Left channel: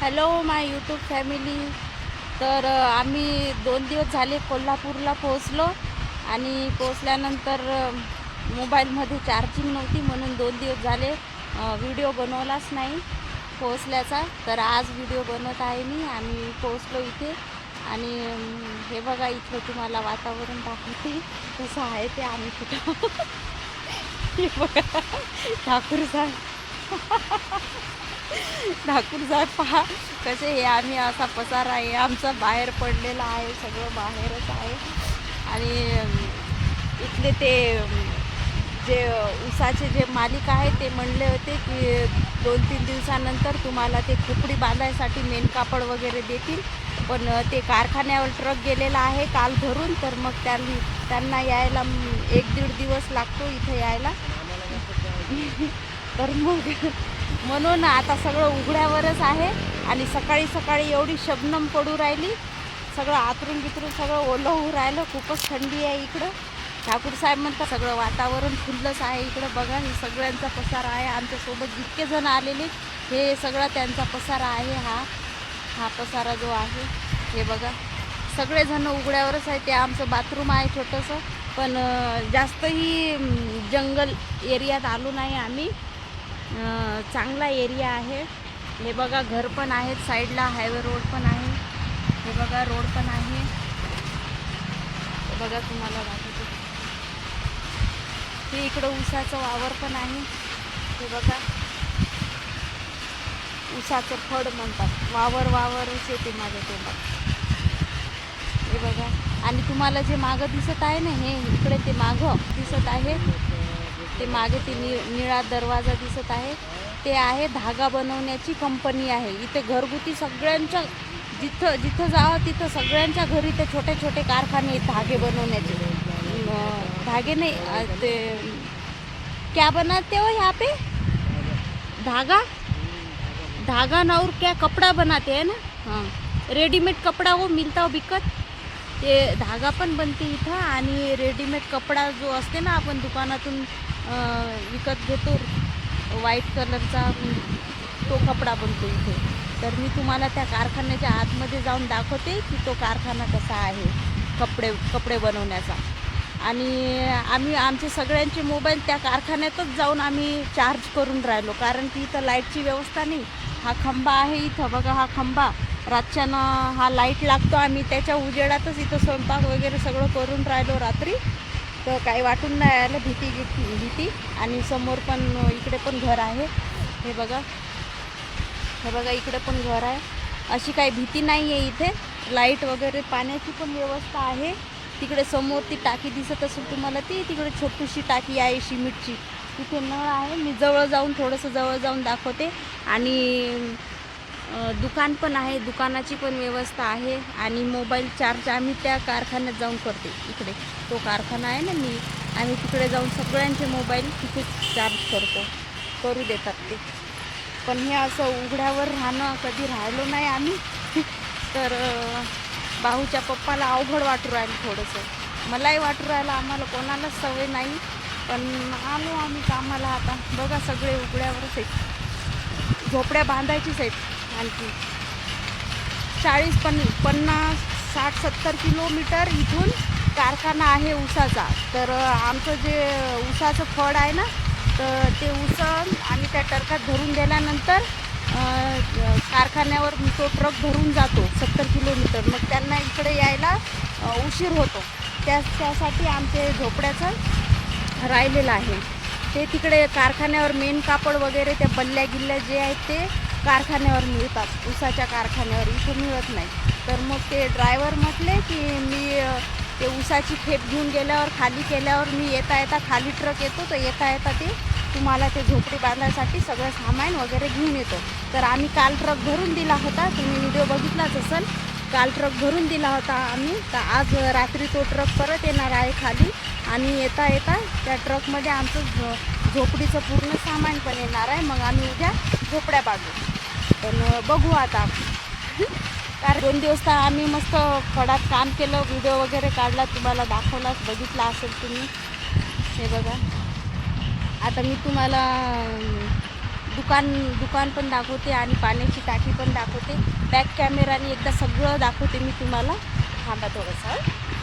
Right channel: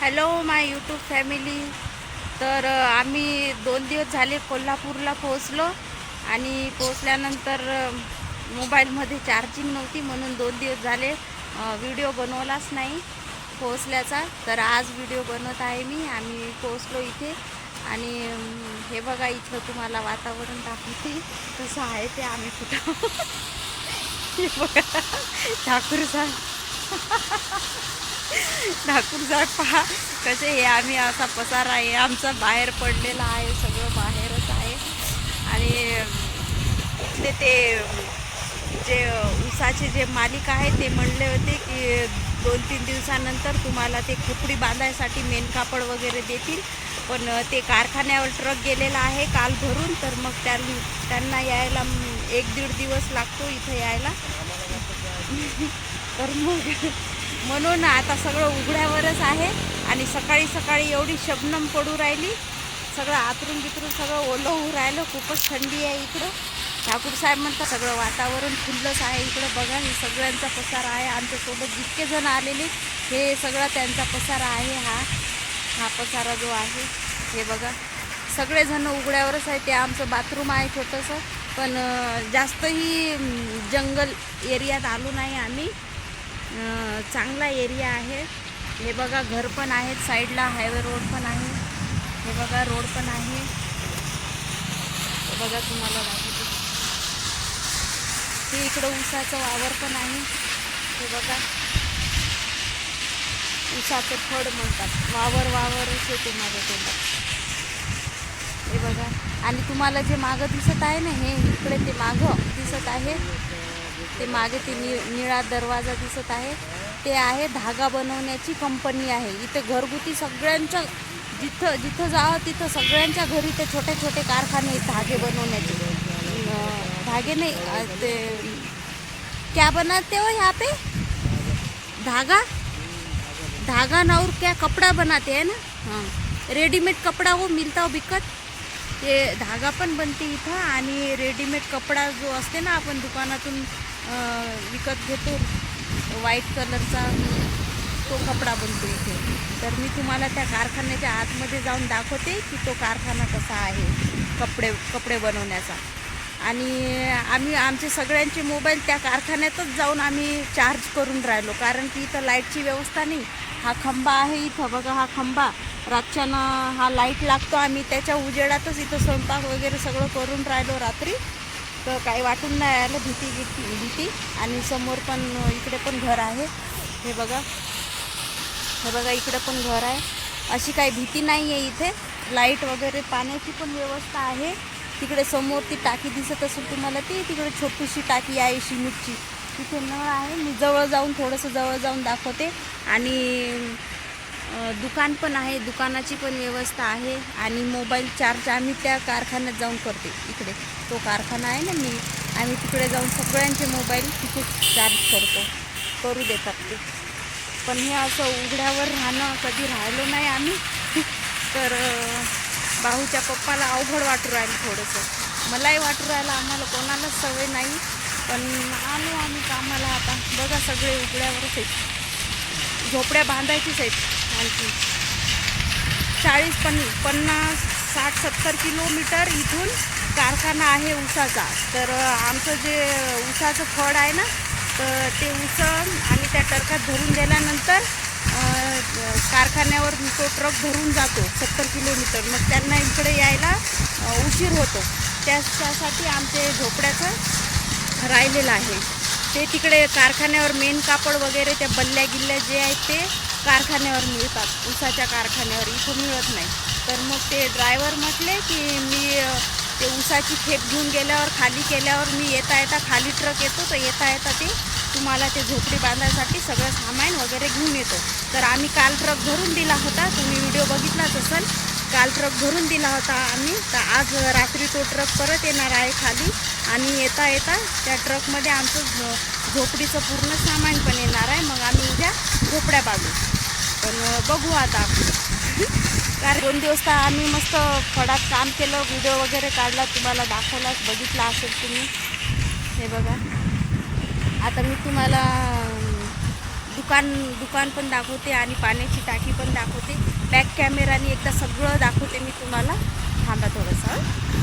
Hello माय YouTube family. तर आम्ही दोन दिवस झाले कोल्हापूरला पोहोचलो आणि पोहोचल्यानंतर मोबाईलमध्ये चार्जिंग नव्हती म्हणून दोन दिवस झाले व्हिडिओ बनवलाच नाही पोहोचल्याचा. तर आज व्हिडिओ बनवत आहे मी. आम्ही पोहोचलो इथे आणि हे बघा इथलं तुम्हाला वातावरण दाखवते. कसं आहे ते आम्ही कुठं हे बघा ठाकूर साहेब. ठाकूर साहेब पहा कसे हे आम्ही असा पसार आहे. आमचा बाहेर पडलेला आहे सगळं बाहेरच आहे. आणि इथले ते जे उसाचे जे मालिक आहे ते म्हणले होते की दोन तीन दिवसानंतर तुम्हाला ते खोपडी बांधायसाठी मेन कापड वगैरे देतील. पण ते कारखान्यावर ट्रक गेलेला आहे काल भरून तर मग त्यां त्यांना यायला एक दीड दिवस लागतो इथं यायला. तर मग म्हणून आता सगळं उघड्यावरच आहे. आणि सकाळी सकाळी एवढी शबनम पडू राहिली. सगळं आतरून बितरून सगळं ओलं होऊ राहिलं. खूपच थंडी आहे इकडं. ठाकूर साहेब म्हणतात सगळं वातावरण खुल्लंच आहे इकडं. बघा हे सगळ्यांचा पसारा आहे. आमच्यासोबत जितके जण आलेले हे सगळा त्यांचा पसारा आहे हा. हा पसारा जो आहे हे बघा. सगळेजण उघड्यावरच आहे ते आमचं बाथरूम आहे छोटंसं. पण जास्तही जंगल एरियात आलो नाही आम्ही. चांगला एरिया आहे. हे बघा घर पण आहेत साईडला हायवे रोड पण आहे. हे बघा रोड पण आहे. हे बघा तुम्हाला दाखवते. हे इकडं ऊसाचं वावर पण आहे. हे बघा. ऊसाचं फड म्हणतात. वावर वावरच येते माझ्या तोंडात. हे बघा. आणि तुम्हाला जे मागं दिसत आहे ना हे इकडे ते मागं दिसत आहे. ते मागे ते नि निळा दरवाजा दिसत आहे. ते आहे धागा बनवण्याची कंपनी आहे. इथे घरगुती सगळ्यांच्या जिथं जिथं जावं तिथं सगळ्यांच्या घरी ते छोटे छोटे कारखाने धागे बनवण्याचे. धागे नाही ते क्या बनाते हो यहाँ पे? धागा? धागा ना और क्या कपड़ा बनाते हैं ना? हाँ. रेडीमेड कपड़ा वो मिलता हो बिकत ते धागा पण बनते इथं आणि रेडीमेड कपडा जो असते ना आपण दुकानातून विकत घेतो व्हाईट कलरचा तो कपडा बनतो इथे. तर मी तुम्हाला त्या कारखान्याच्या आतमध्ये जाऊन दाखवते की तो कारखाना कसा आहे कपडे कपडे बनवण्याचा. आणि आम्ही आमचे सगळ्यांचे मोबाईल त्या कारखान्यातच जाऊन आम्ही चार्ज करून राहिलो. कारण की इथं लाईटची व्यवस्था नाही. हा खंबा आहे इथं. बघा हा खंबा. रातच्यानं हा लाइट लागतो. आम्ही त्याच्या उजेडातच इथं स्वयंपाक वगैरे सगळं करून राहिलो रात्री. तर काही वाटून नाही आलं भीती भीती भीती. आणि समोर पण इकडे पण घर आहे. हे बघा. हे बघा इकडे पण घर आहे. अशी काही भीती नाही आहे इथे. लाइट वगैरे पाण्याची पण व्यवस्था आहे. तिकडे समोर ती टाकी दिसत असेल तुम्हाला ती तिकडे छोटीशी टाकी आहे शिमिटची तिथे नळ आहे. मी जवळ जाऊन थोडंसं जवळ जाऊन दाखवते. आणि दुकान पण आहे दुकानाची पण व्यवस्था आहे आणि मोबाईल चार्ज आम्ही त्या कारखान्यात जाऊन करते. इकडे तो कारखाना आहे ना मी आम्ही तिकडे जाऊन सगळ्यांचे मोबाईल तिथे चार्ज करतो. करू देतात ते. पण हे असं उघड्यावर राहणं कधी राहिलो नाही आम्ही. तर भाऊच्या पप्पाला अवघड वाटू राहील थोडंसं. मलाही वाटू राहिलं आम्हाला कोणालाच सवय नाही. पण आलो आम्ही कामाला आता. बघा सगळे उघड्यावरच आहेत. झोपड्या बांधायचीच आहेत. आणखी. चाळीस पन पन्नास साठ सत्तर किलोमीटर इथून कारखाना आहे ऊसाचा. तर आमचं जे ऊसाचं फळ आहे ना तर ते ऊस आम्ही त्या टरकात भरून दिल्यानंतर कारखान्यावर तो ट्रक भरून जातो सत्तर किलोमीटर. मग त्यांना इकडे यायला उशीर होतो. त्याच्यासाठी आमचे झोपड्याचं राहिलेलं आहे. ते तिकडे कारखान्यावर मेन कापड वगैरे त्या बल्ल्या गिल्ल्या जे आहेत ते कारखान्यावर मिळतात. ऊसाच्या कारखान्यावर इथं मिळत नाही. तर मग ते ड्रायव्हर म्हटले की मी ते ऊसाची खेप घेऊन गेल्यावर खाली केल्यावर मी येता येता खाली ट्रक येतो. तर येता येता ते तुम्हाला ते झोपडी बांधायसाठी सगळं सामान वगैरे घेऊन येतो. तर आम्ही काल ट्रक भरून दिला होता. तुम्ही व्हिडिओ बघितलाच असेल. काल ट्रक भरून दिला होता आम्ही. तर आज रात्री तो ट्रक परत येणार आहे खाली. आणि येता येता त्या ट्रकमध्ये आमचं झोपडीचं पूर्ण सामान पण येणार आहे. मग आम्ही उद्या झोपड्या बांधू पण बघू आता. कारण दोन दिवस तर आम्ही मस्त फडात काम केलं व्हिडिओ वगैरे काढला तुम्हाला दाखवला बघितला असेल तुम्ही. हे बघा. आता मी तुम्हाला दुकान दुकान पण दाखवते आणि पाण्याची टाकी पण दाखवते. बॅक कॅमेराने एकदा सगळं दाखवते मी तुम्हाला. थांबा थोडंसं